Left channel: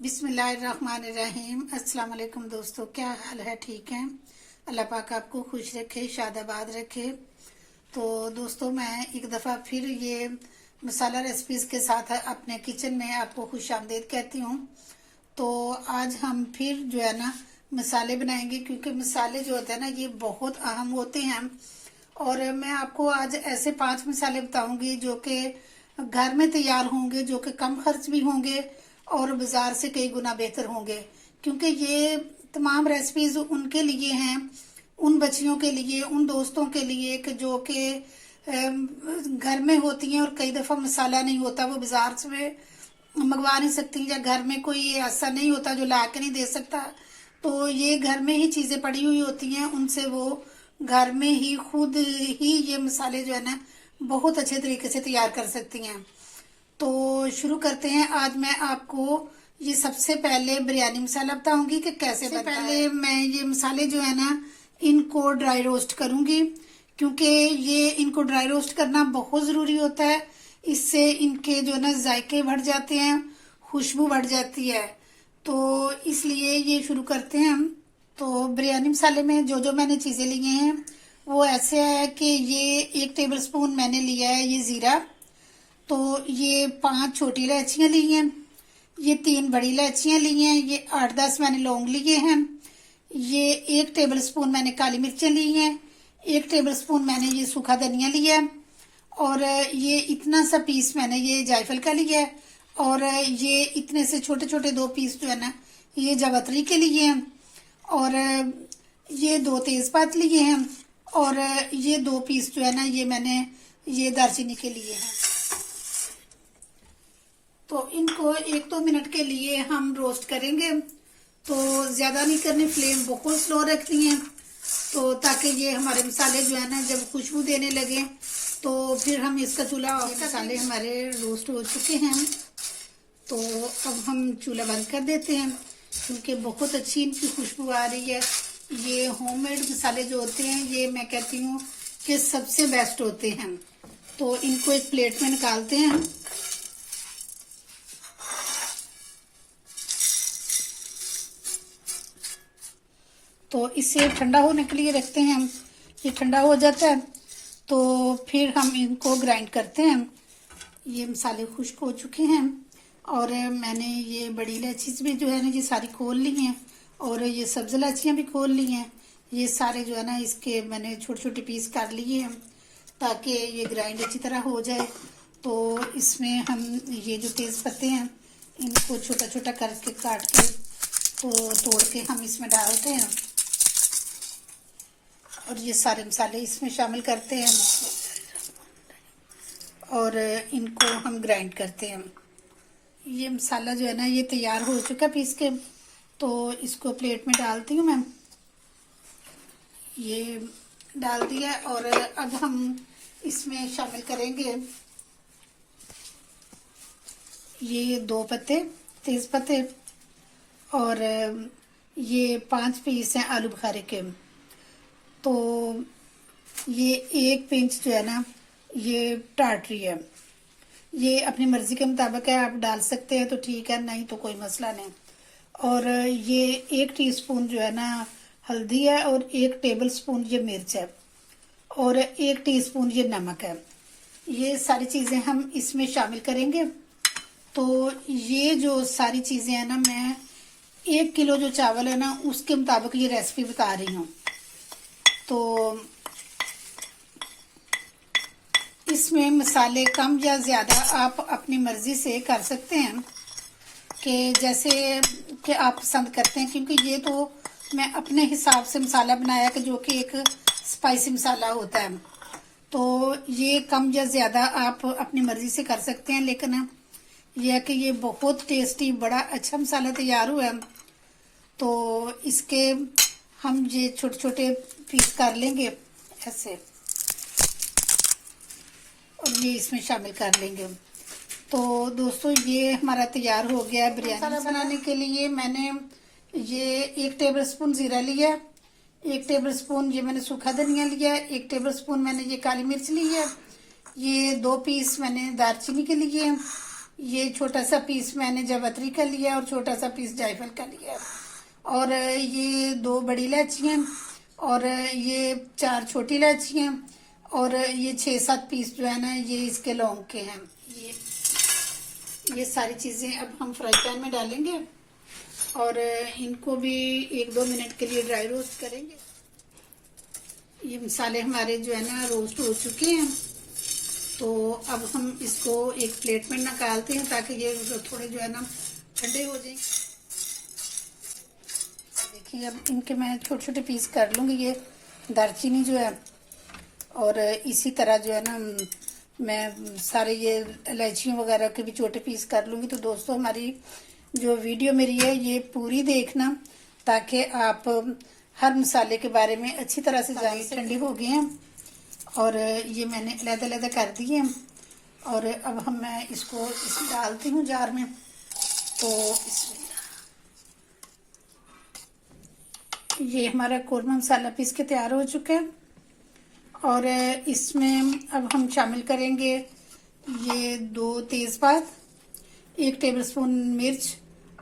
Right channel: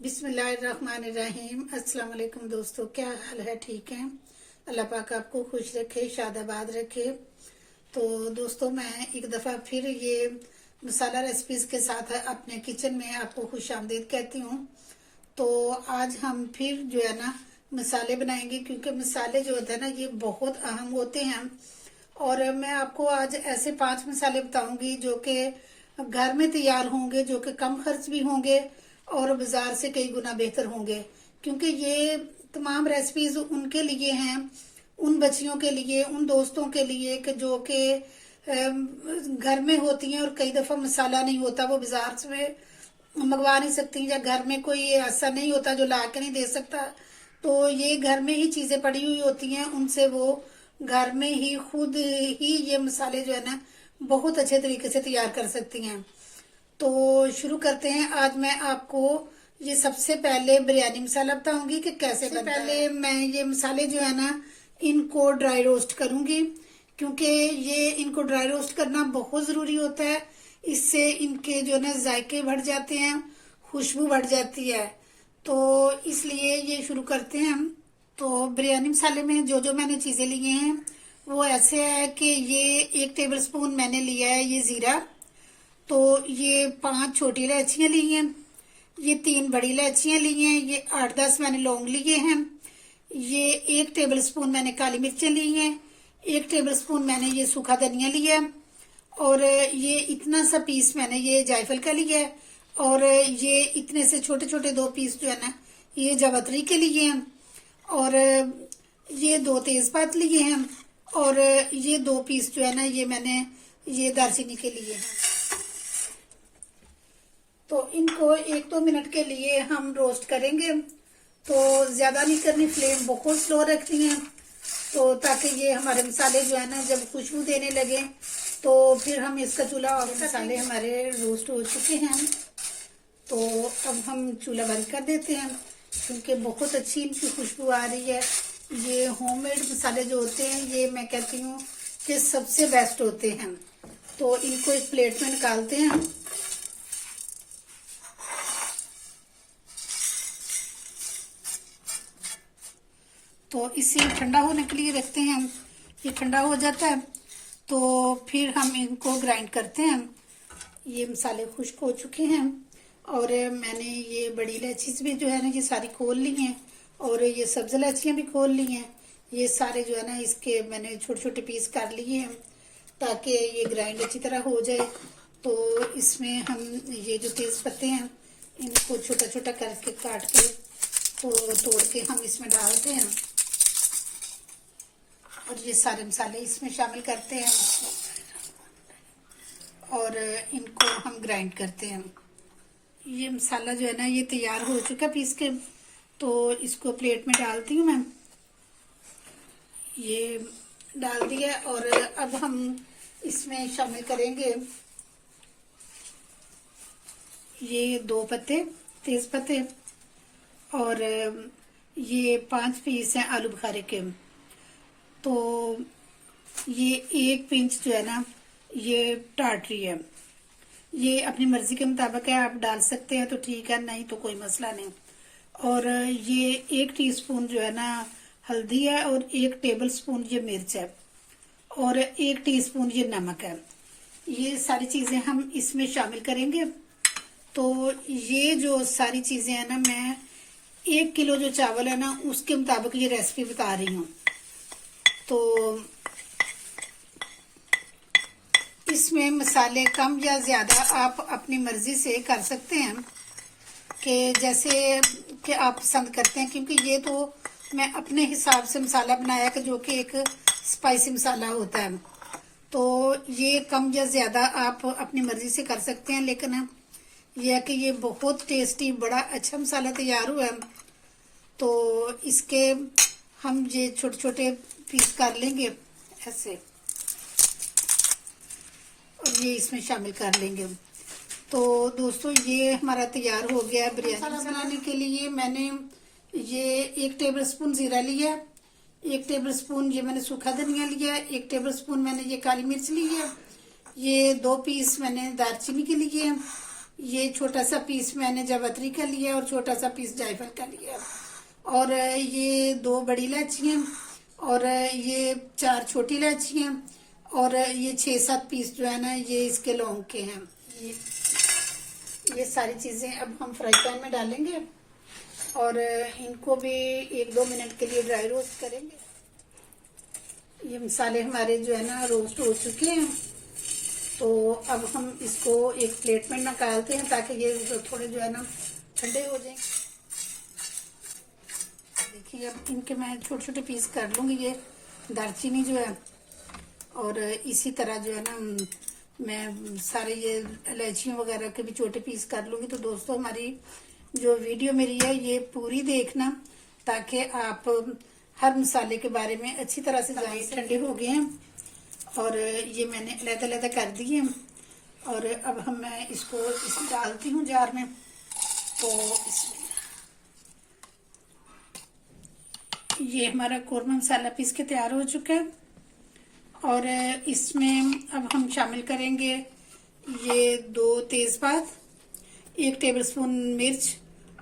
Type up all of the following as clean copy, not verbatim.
बिस्मिल्लाहिर्रहमानिर्रहीम। अस्सलाम वालेकुम दोस्तों, क्या हाल है? ठीक है, अल्लाह पाक आपको खुश रखे, शादाबाद रखे। तो दोस्तों, मैं एक दफ़ा फिर ये मसाला रेसिपीज़ के साथ अपने किचन में आपको खुश आमदीद कहती हूँ। तो आज हम फिर जो है ना मसाले बनाएंगे, क्योंकि मसाले जो होते हैं ना ये बहुत अहम होते हैं। और मैं आपको आज ऐसे 5 मसाले बताऊंगी जो कि घर में तैयार होंगे, जो कि कम खर्च भी होंगे और बाजार से कई गुना बेहतर होंगे। क्योंकि ये तमाम रेसिपीज उनके लिए हैं, उन बच्चियों के लिए, उन दोस्तों के लिए कि जो कि घर में होती हैं और कई दफ़ा मसाला नहीं होता, वो बाजार से मंगवा नहीं सकती, या घर में कोई ऐसा नहीं होता जो ला के नहीं दे सकता। तो ये घर में ही चीज़ें पड़ी हुई होती हैं, उनसे वो घर में ही खुद ही ये मसाले जो है ना बहुत अच्छे तरीके से तैयार कर सकती हैं। तो शुरू करते हैं। आज मैं आपको ये सबसे पहले बिरयानी मसाला बताऊंगी कि कैसे बनता है। पहले मैं ये मसाले जो है ना इनको ड्राई रोस्ट करूंगी, क्योंकि ये इनको ड्राई रोस्ट करना बहुत ज़रूरी होता है। इससे इनके जो ना जायके बढ़ जाते हैं, खुशबू बढ़ जाती है। तो इसलिए ये शुरू करते हैं हम। तो बिरयानी मसाले में जो जो मैंने चीज़ें लिए हैं वो ऐसे है कि ये 1 टेबल स्पून मैंने लिया है ये ज़ीरा। तो ये 5 छोटी इलायचियाँ ली हैं, ये 3 बड़ी इलायचियाँ ली हैं, ये 8-10 मैंने लौंग लिए हैं, ये 1 टेबल स्पून मैंने काली मिर्चें ली हैं, 1 टेबल स्पून मैंने ये सूखा धनिया लिया, और ये इतना सा पीस मैंने ये जायफल का लिया है, और ये इतने से छोटे छोटे 2 पीस जो है ना ये जावित्री के लिए हैं, और ये 2 तेज़पात लिए हैं, और ये 2 पीस जो है ना ये मैंने ये दालचीनी के लिए हैं। तो इनको 1-2 मिनट के लिए हम रोस्ट करेंगे। तो ज़्यादा नहीं करनी, फ्लेम बहुत स्लो रखनी है, तो ताकि ये हमारे मसाले जो है ना जब खुशबू देने लगे तो फिर हम इसका चूल्हा और मसाले हमारे रोस्ट हो चुके हैं। तो अब हम चूल्हा बंद कर देते हैं, क्योंकि बहुत अच्छी इनकी खुशबू आ रही है। ये होममेड मसाले जो होते हैं ये मैं कहती हूँ कि सबसे बेस्ट होते हैं। तो इनको एक प्लेट में निकालते हैं हम। तो इसे ठंडा होने के लिए रखते हैं हम। ये ठंडा हो जाता है तो फिर हम इनको ग्राइंड करते हैं। ये मसाले खुश्क हो चुके हैं, और मैंने ये बड़ी इलायची भी जो है ना ये सारी खोल ली हैं, और ये सब्ज इलायचियाँ भी खोल ली हैं। ये सारे जो है ना इसके मैंने छोटे छोटे पीस कर लिए हैं ताकि ये ग्राइंड अच्छी तरह हो जाए। तो इसमें हम ये जो तेज़ पत्ते हैं इनको छोटा छोटा करके काट के तो तोड़ के हम इसमें डालते हैं, और ये सारे मसाले इसमें शामिल करते हैं और इनको हम ग्राइंड करते हैं। ये मसाला जो है ना ये तैयार हो चुका पीस के, तो इसको प्लेट में डालती हूँ मैं। ये डाल दिया, और अब हम इसमें शामिल करेंगे ये 2 पत्ते तेज पत्ते, और ये 5 पीस हैं आलू बुखारे के। तो ये 1 पिंच जो है ना ये टाटरी है। ये अपनी मर्जी के मुताबिक है, आप डाल सकते हैं तो ठीक है, नहीं तो कोई मसला नहीं। और ये 1 टीस्पून जो है ना हल्दी है, और 1 टेबल स्पून ये मिर्च है, और 1 टीस्पून ये नमक है। ये सारी चीज़ें हम इसमें शामिल करेंगे। तो ये जो सारी चीज़ें हैं ना मैं 1 किलो जो चावल है ना उसके मुताबिक ये रेसिपी बता रही हूँ। तो इसमें मसाले कम या ज़्यादा आप अपनी मर्ज़ी से कर सकते हैं कि जैसे कि आप पसंद करते हैं, क्योंकि ये तो मैं अपने हिसाब से मसाला बनाया कि जो कि एक स्पाइसी मसाला होता है। तो ये कम या ज़्यादा आप अपनी मर्ज़ी से कर सकते हैं, लेकिन यह है कि ये बहुत टेस्टी बड़ा अच्छा मसाला तैयार हुआ है। तो इसके हम ये छोटे छोटे पीस कर लेंगे ऐसे, और ये इसमें शामिल कर लेंगे। तो दोस्तों ये हमारा तैयार हो गया है। बिरयानी बनाने के लिए मैंने ये 1 टेबल स्पून ज़ीरा लिया, 1 टेबल स्पून ये मैंने सूखा धनिया लिया, 1 टेबल स्पून मैंने ये काली मिर्च ली है, ये 2 पीस मैंने दालचीनी के लिए, ये छोटा सा पीस मैंने जावित्री का लिया और छोटा सा पीस जायफल का लिया, और ये 2 बड़ी इलायचियाँ, और ये 4 छोटी इलायचियाँ, और ये 6-7 पीस जो है ना ये इसके लौंग के हैं। ये सारी चीजें अब हम फ्राई पैन में डालेंगे और इनको भी 1-2 मिनट के लिए ड्राई रोस्ट करेंगे। ये मसाले हमारे जो है ना रोस्ट हो चुके हैं, तो अब हम इसको एक प्लेट में निकालते हैं ताकि ये थोड़े जो है ना ठंडे हो जाएं। देखिए अब इनके मैं छोटे छोटे पीस कर लूँगी। ये दालचीनी जो है, और इसी तरह जो है ना मैं सारे ये इलायचियों वगैरह के भी छोटे पीस कर लूँगी। तो दोस्तों हमारी जो वीडियो मेरी है ये पूरी देखना ताकि आप हर मसाले के बारे में अच्छी तरह से जान सकें। ठंडे हो गए हैं और ये मैंने अलग-अलग कर दिए हैं, और अब मैं इसको इसमें डालती हूँ जार में। तो ये हमारा कौरमा मसाला पीस के तैयार हो चुका है, और इसमें अब हम शामिल करेंगे ये 2 तेज़पात, 1 टेबलस्पून मिर्च,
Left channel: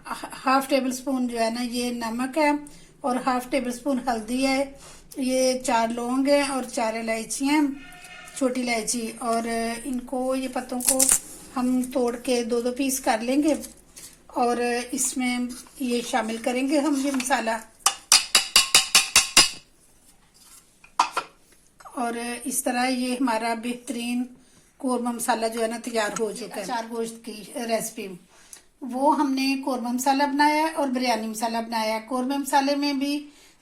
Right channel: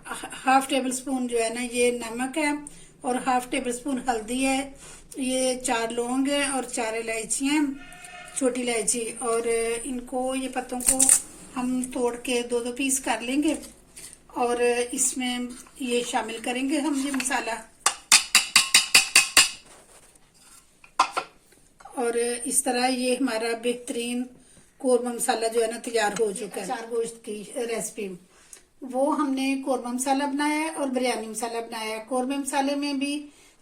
हाफ टेबल स्पून जो है ना ये नमक है, और हाफ टेबल स्पून हल्दी है, ये 4 लौंग है और 4 इलायचियाँ, छोटी इलायची, और इनको ये पत्तों को हम तोड़ के 2-2 पीस कर लेंगे, और इसमें ये शामिल करेंगे हम ये मसाला। और इस तरह ये हमारा बेहतरीन कौरमा मसाला जो है ना तैयार हो चुका है। अचार गोश्त की रेसिपी, वो हमने कौरमा मसाला बनाया है और बिरयानी मसाला बनाया है। कौरमा मसाले में भी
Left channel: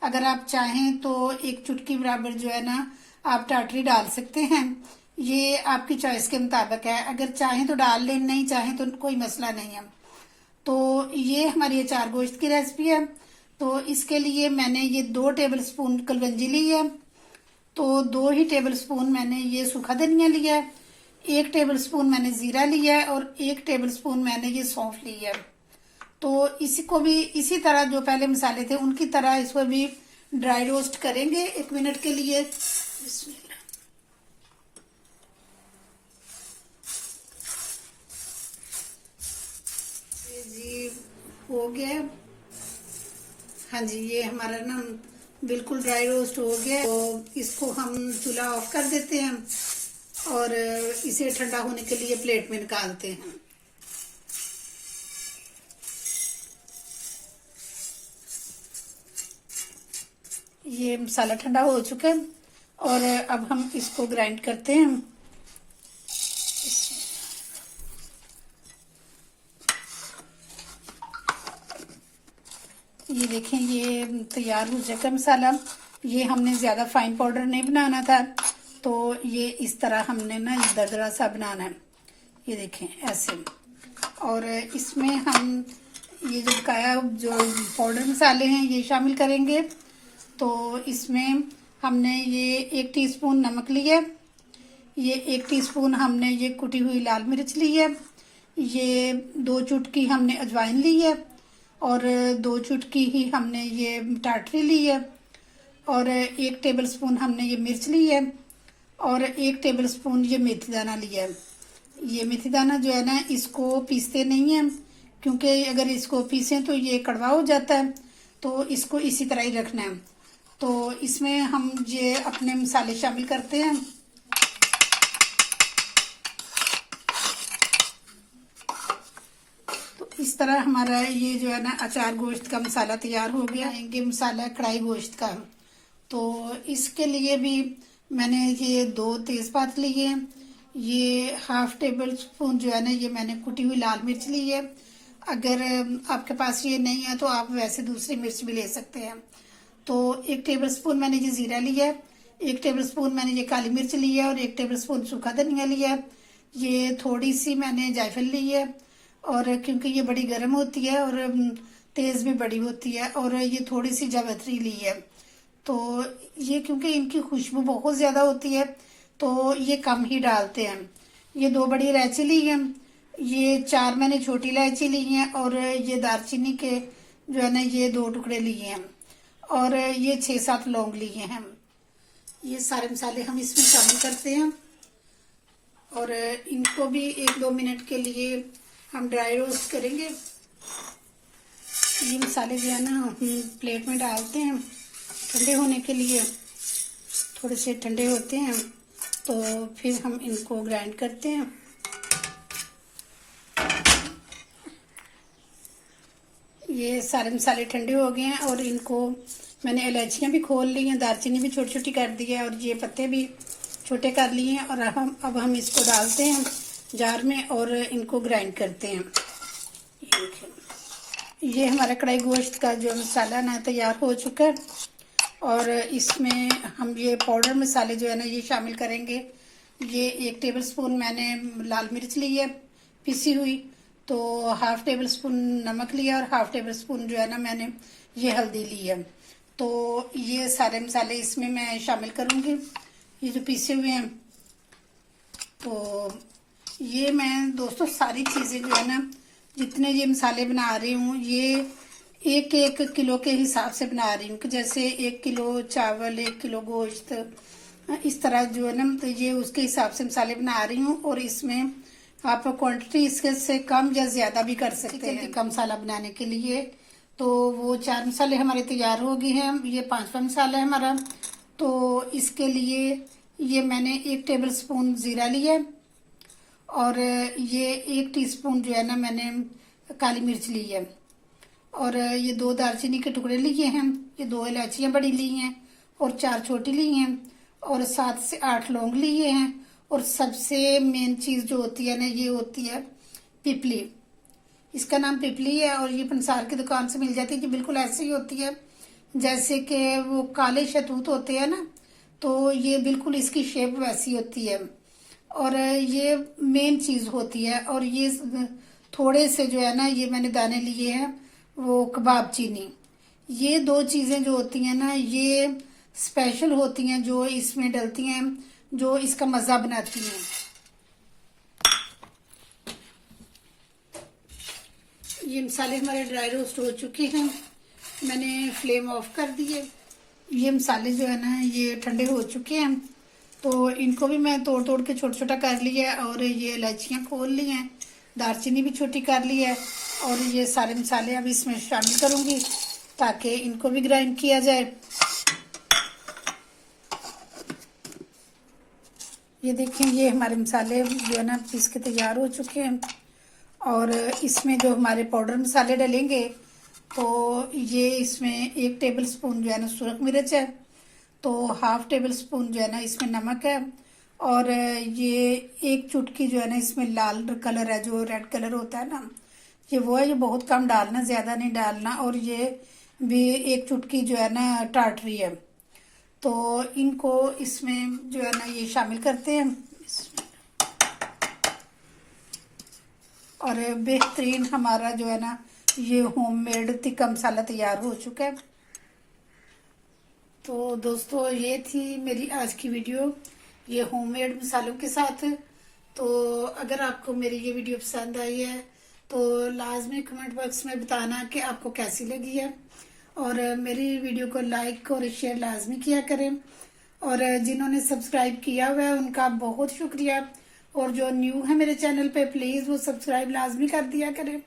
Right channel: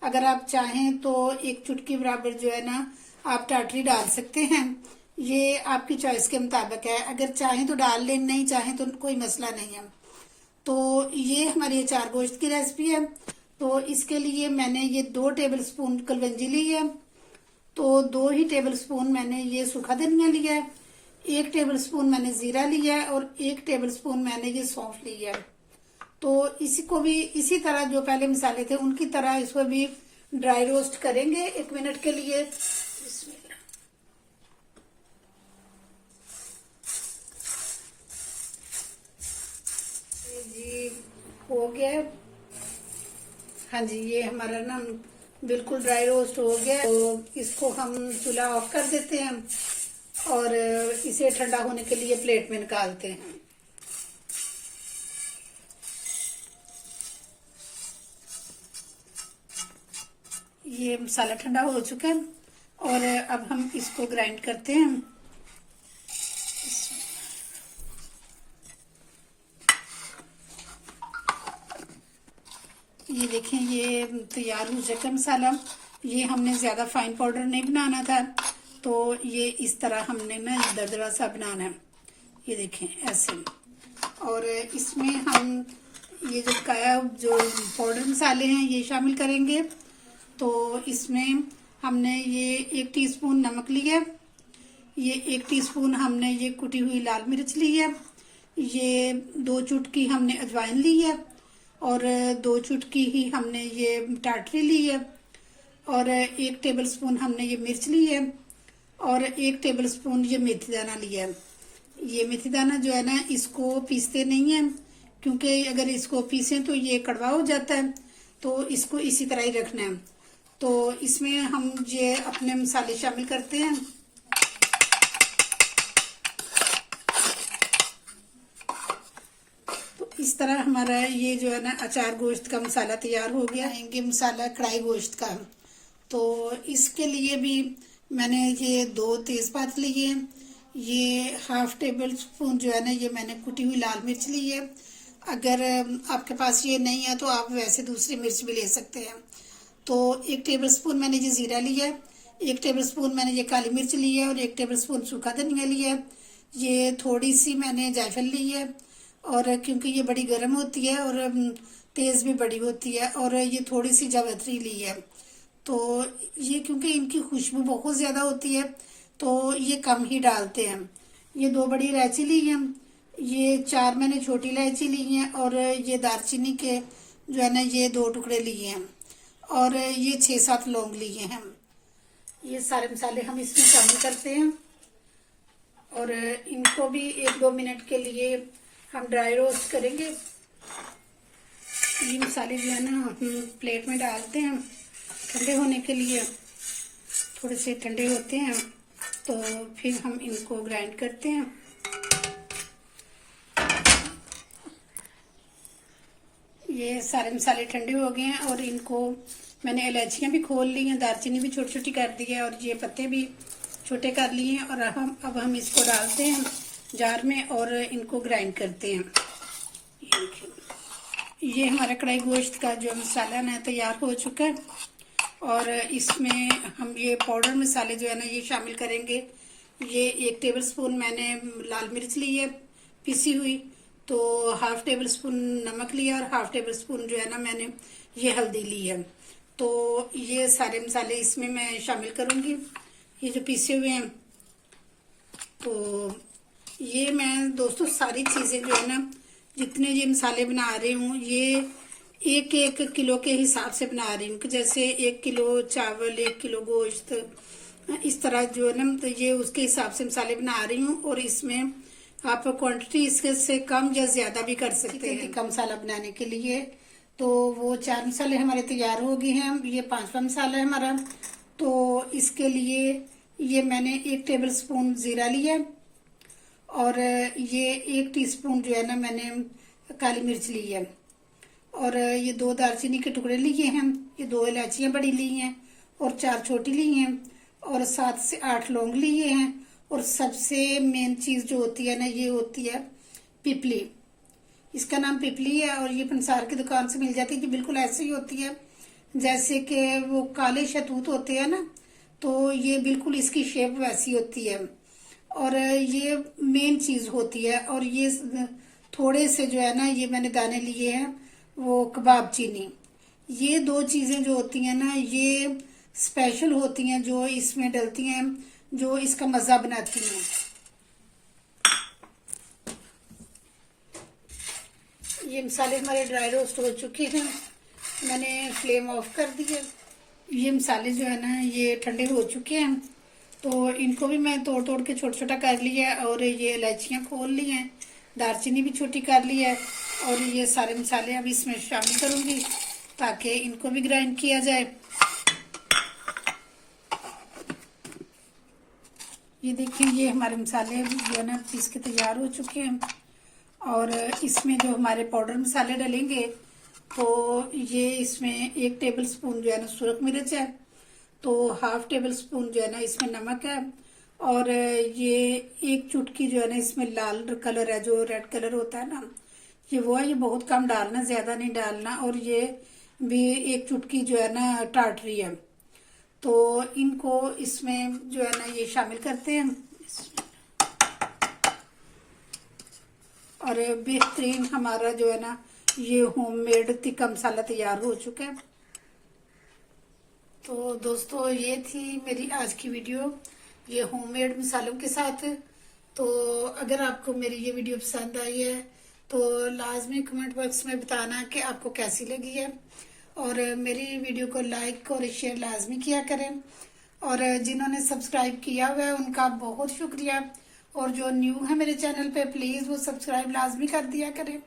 अगर आप चाहें तो 1 चुटकी बराबर जो है ना आप टाटरी डाल सकते हैं, ये आपकी चॉइस के मुताबिक है। अगर चाहें तो डाल लें, नहीं चाहें तो कोई मसला नहीं है। तो ये हमारी अचार गोश्त की रेसिपी है। तो इसके लिए मैंने ये 2 टेबल स्पून कलवंजी ली है, तो 2 ही टेबल स्पून मैंने ये सूखा धनिया लिया है, 1 टेबल स्पून मैंने जीरा लिया है, और 1 टेबल स्पून मैंने ये सौंफ ली है। तो इसी को भी इसी तरह जो पहले मसाले थे उनकी तरह इसको भी ड्राई रोस्ट करेंगे 1 मिनट के लिए। जी हो गया, हाँ जी ये हमारा ना बिल्कुल ड्राई रोस्ट हो गया। तो इसको हम चूल्हा ऑफ कर देते हैं और इसे ठंडा होने के लिए प्लेट में निकालते हैं। ये मसाला ठंडा हो चुका है और अब हम इसको ग्राइंड करते हैं। ये देखें ये तैयार हो चुका मसाला। ये हमने ज़्यादा फाइन पाउडर नहीं बनाना था, तो ये इस तरह हमने ना दरदरा सा बनाना है। ये देखें ऐसे, और इसमें हम ये जो पाउडर मसाले हैं ये शामिल करेंगे। तो इसमें हमने ये 1 टीस्पून नमक लिया, ये 1 टीस्पून हमने ये कुटी हुई लाल मिर्च ली है, ये 2 चुटकी हमने अजवाइन ली है, और 2 चुटकी ही हमने ये टाटरी ली है, और 1 टेबल स्पून हमने ये मिर्च ली है, और 1 टेबल स्पून ये मेथी दाना लिया है। ये मेथी दाना जो है ना इसको पीसते नहीं है, क्योंकि अगर इसको पीसें तो ये कड़वा हो जाता है, तो इसको इसी तरह ही रखना है। तो इसमें हम ये अपने मसाले शामिल करते हैं। तो इस तरह हमारा ये जो है ना अचार गोश्त का मसाला तैयार हो गया। ये मसाला कढ़ाई गोश्त का, तो इसके लिए भी मैंने ये 2 तेज़पात लिए, ये हाफ टेबल स्पून जो है ना ये मैंने कुटी हुई लाल मिर्च ली है। अगर आपके पास ये नहीं है तो आप वैसे दूसरी मिर्च भी ले सकते हैं। तो 1 टेबल स्पून मैंने ये जीरा लिया है, 1 टेबल स्पून मैंने ये काली मिर्च ली है, और 1 टेबल स्पून सूखा धनिया लिया है। ये थोड़ी सी मैंने जायफल ली है, और क्योंकि ये बड़ी गर्म होती है और तेज़ भी बड़ी होती है, और ये थोड़ी सी जावित्री ली है। तो ये क्योंकि इनकी खुशबू बहुत ज़्यादा होती है तो ये कम ही डालते हैं। ये 2 बड़ी इलायची ली है, ये 4 मैंने छोटी इलायची ली है, और ये दालचीनी के जो है ना ये 2 टुकड़े लिए हैं, और ये 6-7 लौंग लिए हैं। ये सारे मसाले हम इसमें शामिल करते हैं और इनको भी 1-2 मिनट के लिए हम ड्राई रोस्ट करेंगे। ये मसाले जो है ना हम प्लेट में डालते हैं ठंडे होने के लिए। थोड़े से ठंडे होते हैं तो फिर हम इनको ग्राइंड करते हैं। ये सारे मसाले ठंडे हो गए हैं और इनको मैंने इलायचियाँ भी खोल ली हैं, दालचीनी भी छोटी छोटी कर दी है और ये पत्ते भी छोटे कर लिए हैं। और अब हम इसको डालते हैं जार में और इनको ग्राइंड करते हैं। ये देखिए, ये हमारा कढ़ाई गोश्त का जो मसाला ना तैयार हो चुका है और इसमें हम ये पाउडर मसाले जो है ना ये शामिल करेंगे। ये 1 टेबल स्पून मैंने लाल मिर्च ली है पिसी हुई, तो हाफ टेबल स्पून नमक लिया और हाफ टेबल स्पून जो है ना मैंने ये हल्दी ली है। तो ये सारे मसाले इसमें मैं शामिल करूंगी, ये जो पीसे हुए हैं। तो ये मैं दोस्तों सारी चीज़ें जो है ना जितने ये मसाले बना रही हूँ ये 1 किलो के हिसाब से बना रही हूँ कि जैसे 1 किलो चावल 1 किलो गोश्त, इस तरह जो है ना तो ये उसके हिसाब से मसाले बना रही हूँ। और इसमें आप क्वांटिटी इसके से कम या ज्यादा भी कर सकते हैं टिक्का मसाला बनाने के लिए। तो वो 4 मसाले हमारे तैयार हो गए हैं। ये 5वां मसाला है हमारा। तो इसके लिए ये मैंने 1 टेबल स्पून जीरा लिया और ये 1 टीस्पून जो है ना मैंने काली मिर्च ली है और ये 2 दालचीनी के टुकड़े लिए हैं, ये 2 इलायचियाँ बड़ी ली हैं और 4 छोटी ली हैं और 7 से 8 लौंग लिए हैं। और सबसे मेन चीज जो होती है ना ये होती है पिपली। इसका नाम पिपली है और ये पंसार की दुकान से मिल जाती है। कि बिल्कुल ऐसे ही होती है जैसे कि वो काले शहतूत होते हैं ना, तो ये बिल्कुल इसकी शेप वैसी होती है और ये मेन चीज होती है। और ये थोड़े से जो है ना ये मैंने दाने लिए हैं वो कबाब चीनी। ये 2 चीजें जो होती हैं ना ये स्पेशल होती हैं जो इसमें डलती हैं, जो इसका मजा बनाती हैं। ये मसाले हमारे ड्राई रोस्ट हो चुके हैं, मैंने फ्लेम ऑफ कर दी है। ये मसाले जो है ना ये ठंडे हो चुके हैं तो इनको भी मैं तोड़ तोड़ के छोटा छोटा कर लिया है और ये इलायचियाँ खोल ली हैं, दालचीनी भी छोटी कर ली है और ये सारे मसाले अभी इसमें शामिल करूंगी ताकि इनको भी ग्राइंड किया जाए। ये देखें, ये हमारे मसाले जो है ना पीस के तैयार हो चुके हैं और इसमें जो हमारे पाउडर मसाले डलेंगे तो ये इसमें 1 टेबल स्पून जो है ना सुरख मिर्च है, तो हाफ टेबल स्पून जो है ना इसमें नमक है और ये 1 चुटकी जो है ना इसमें लाल कलर है, जो रेड कलर होता है ना ये वो है। ये बहुत कम डालना, ज्यादा नहीं डालना। और ये भी 1 चुटकी जो है ना टाटरी है। तो इनको इसमें जो है ना ये शामिल करते हैं और बेहतरीन हमारा जो है ना ये होममेड टिक्का मसाला तैयार हो चुका है। तो दोस्तों ये थी मेरी आज की वीडियो ये होममेड मसालों के साथ। तो अगर आपको मेरी ये वीडियो पसंद आई है तो लाजमी कमेंट बॉक्स में बताना कि आपको कैसी लगी है और मेरी वीडियो को लाइक और शेयर लाजमी किया करें। और जिन्होंने सब्सक्राइब किया हुआ है उनका बहुत शुक्रिया और जो न्यू है मेरे चैनल पे प्लीज वो सब्सक्राइब लाजमी कर दिया करें।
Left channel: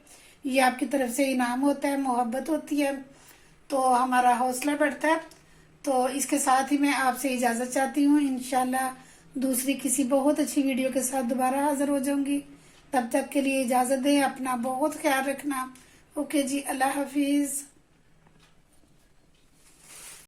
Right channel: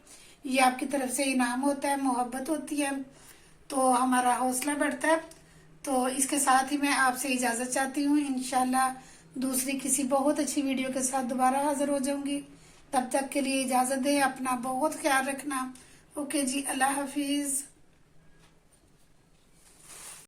ये आपकी तरफ से इनाम होता है, मोहब्बत होती है तो हमारा हौसला बढ़ता है। तो इसके साथ ही मैं आपसे इजाजत चाहती हूँ। इंशाल्लाह दूसरी किसी बहुत अच्छी वीडियो के साथ दोबारा हाजिर हो जाऊंगी। तब तक के लिए इजाजत दें, अपना बहुत ख्याल रखना। ओके जी, अल्लाह हाफिज।